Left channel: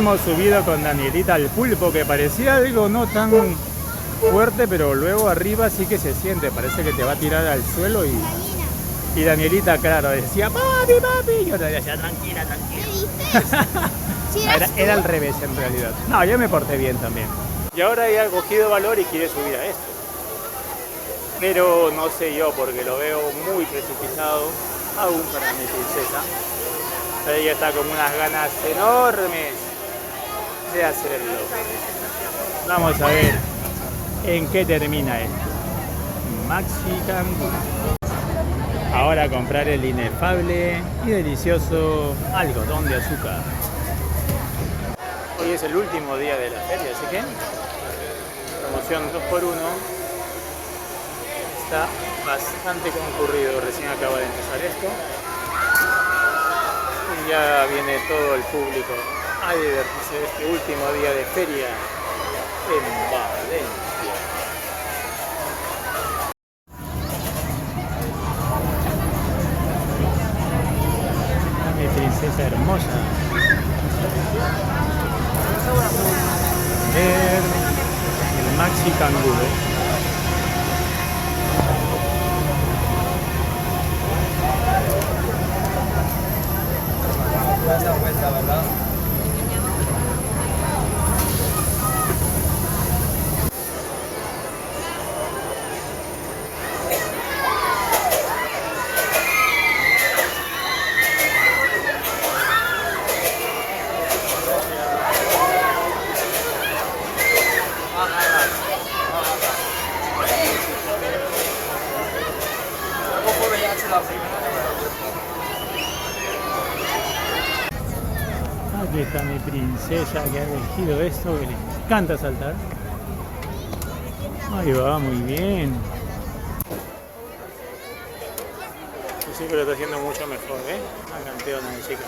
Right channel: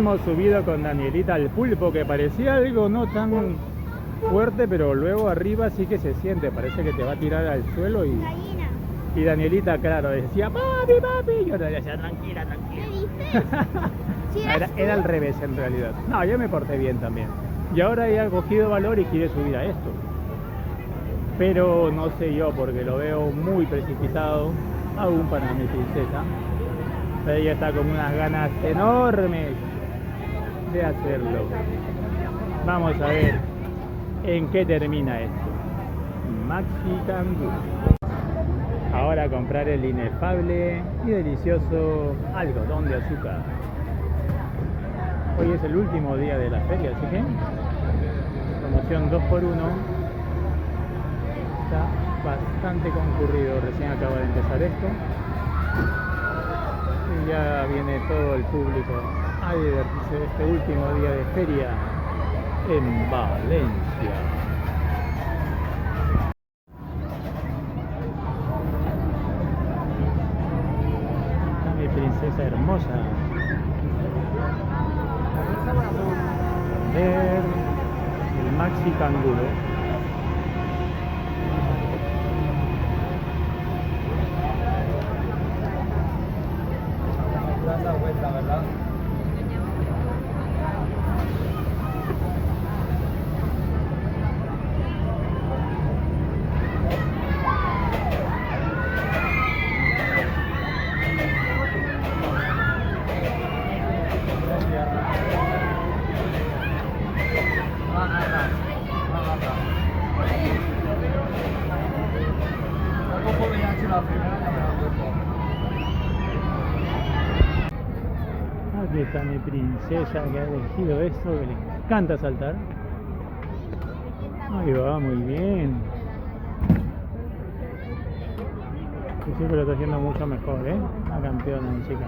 hemos subido con Danielita al pulpo, que parecía algo no tan fuerte, pero luego arriba sí que se siente, parece que te va a tirar al suelo y Danielita, claro, decía, papi, papi, y yo le decía, tranquila, tranquila. Era al revés en realidad. No, yo me porté bien también. Y ahora ya ha cogido valor y quiere subir a esto. Pero no sé yo, porque lo veo muy precipitado, aún para mi princesa. Ella está con unas ganas enormes de hacerlo. Vamos a ver en qué termina esto. Maxi Canguro. Ahora comprar el inefable y delicioso algodón de azúcar. Hoy es el último día de la feria, así que promoción 2x1. Está bastante concurrido, recién acaba de empezar esto. Y ya viene todo el público a divertirse este último día de feria en Valencia. Mi princesa hermosa. Ver el Maxi Canguro. Aquí está mi princesa que ha elegido esto, que le encanta saltar. Ahí va, muy bien. Yo sé que lo está haciendo mucho mejor, la campeona de chica.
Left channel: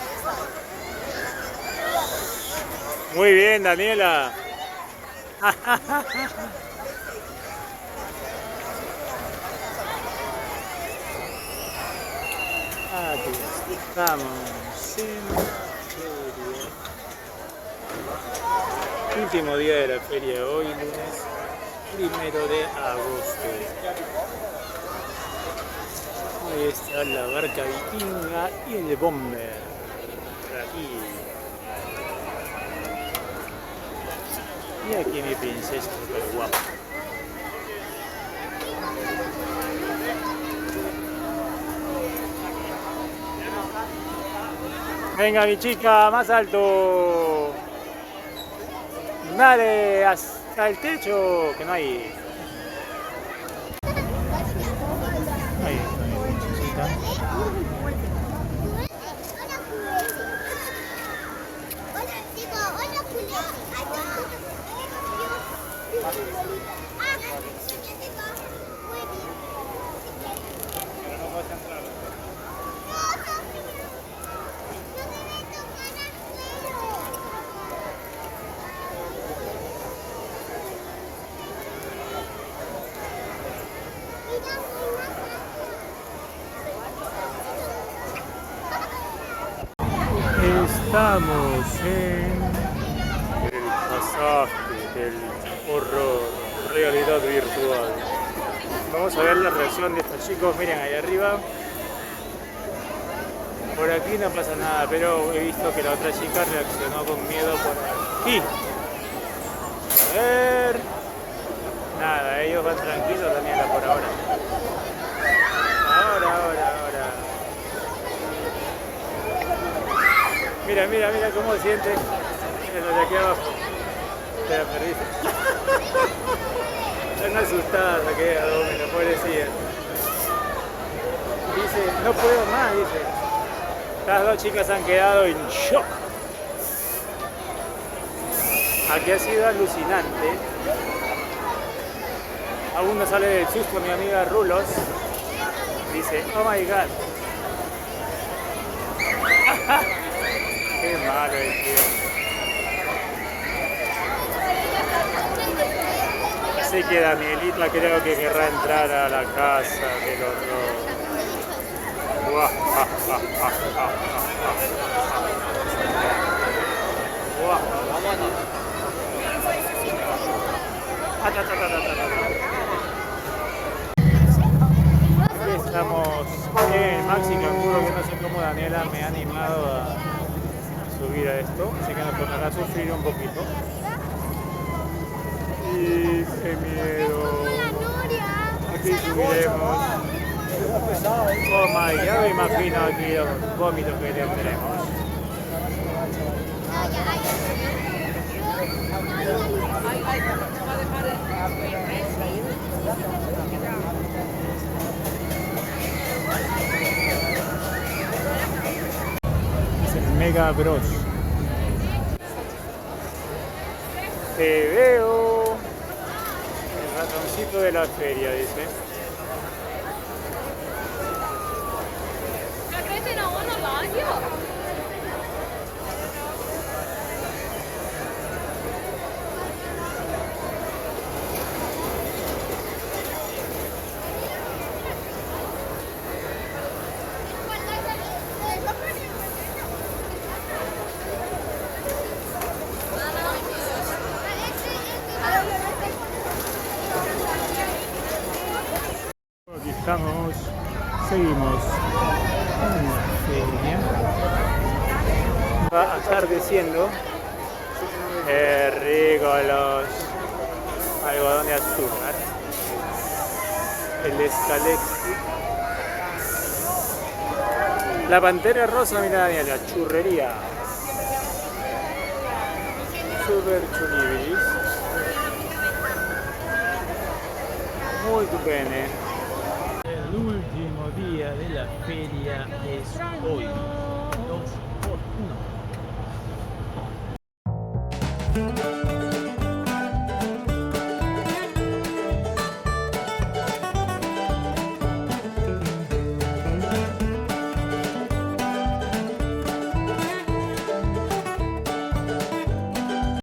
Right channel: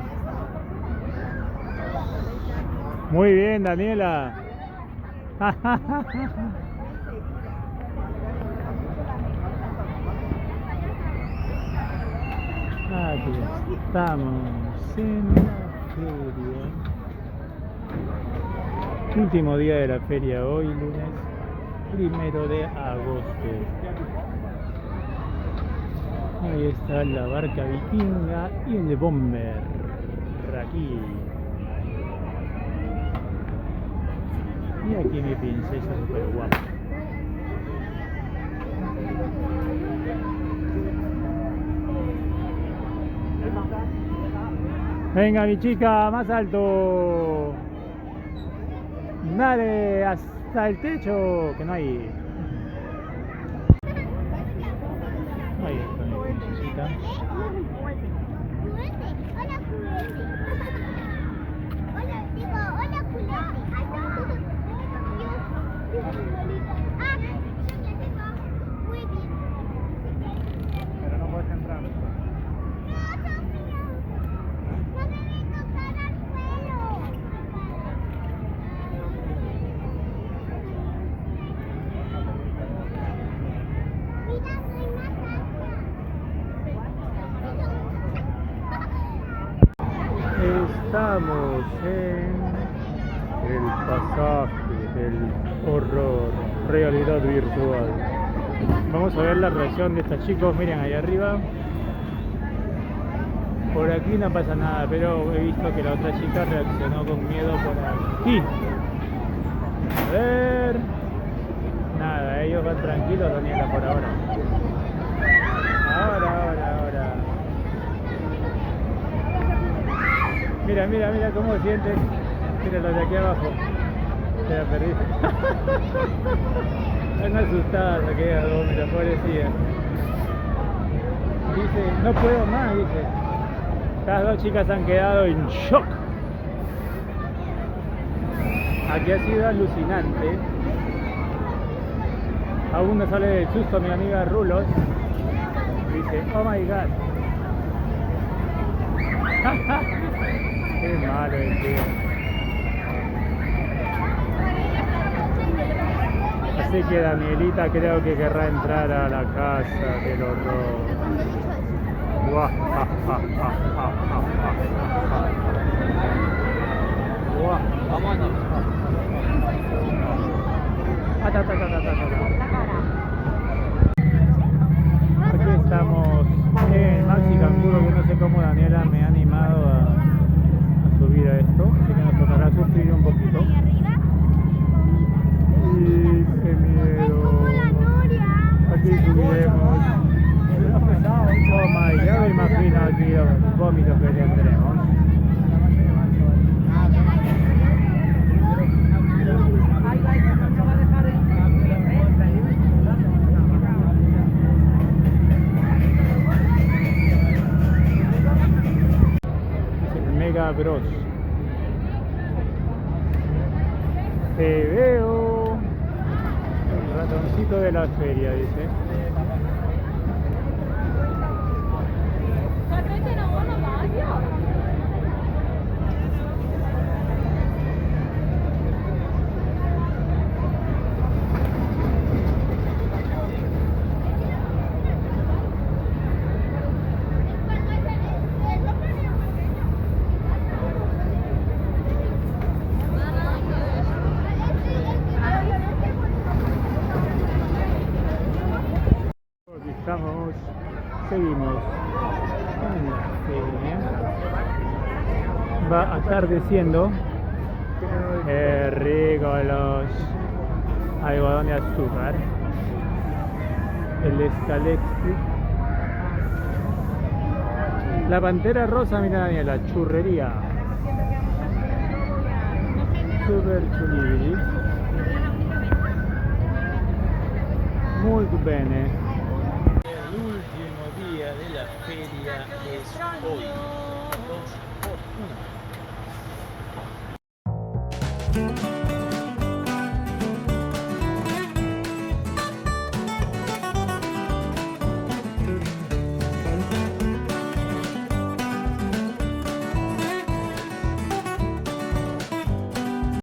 Muy bien, Daniela. Aquí estamos en la feria. Último día de la feria hoy, lunes 1 de agosto. Ahí está la barca vikinga y el bomber. Aquí. Y aquí mi princesa super guapa. Venga mi chica, más alto. Dale hasta el techo, que no hay. Ahí está mi princesita. Pero no puedes entrar. Estamos en el pasaje del horror, realidad virtual. Vamos a ver la reacción de estos chicos. Miren ahí arriba. Por aquí no pasa nada, pero he visto que la otra chica reaccionó con miedo por aquí. A ver. Nada, ellos van tranquilos, Daniela, por ahora. Ahora. Mira cómo siente. Mira los de aquí abajo. Te la perdiste. Están asustadas aquellas dos, mira, pobrecilla. Dice, no puedo más, dice. Estas dos chicas han quedado en shock. Aquí ha sido alucinante. Aún no sale del susto mi amiga Rulos. Dice, oh my god. Qué malo el tío. Así que Danielita creo que querrá entrar a la casa del horror. Buah. Aquí estamos en el Maxi Canguro, que no sé cómo Daniela me ha animado a subir a esto, así que nos tocará sufrir un poquito. Y qué miedo. Aquí subiremos. Oh my, ya me imagino aquí los vómitos que tendremos. Es el Mega Bros. Te veo. El ratoncito de la feria, dice. Aquí estamos, seguimos en la feria. Va atardeciendo. Qué rico los algodón de azúcar. El Escalexi. La Pantera Rosa, mira Daniela, la churrería. Super chulibilis. Muy bene. El último día de la feria es hoy. 2 por 1.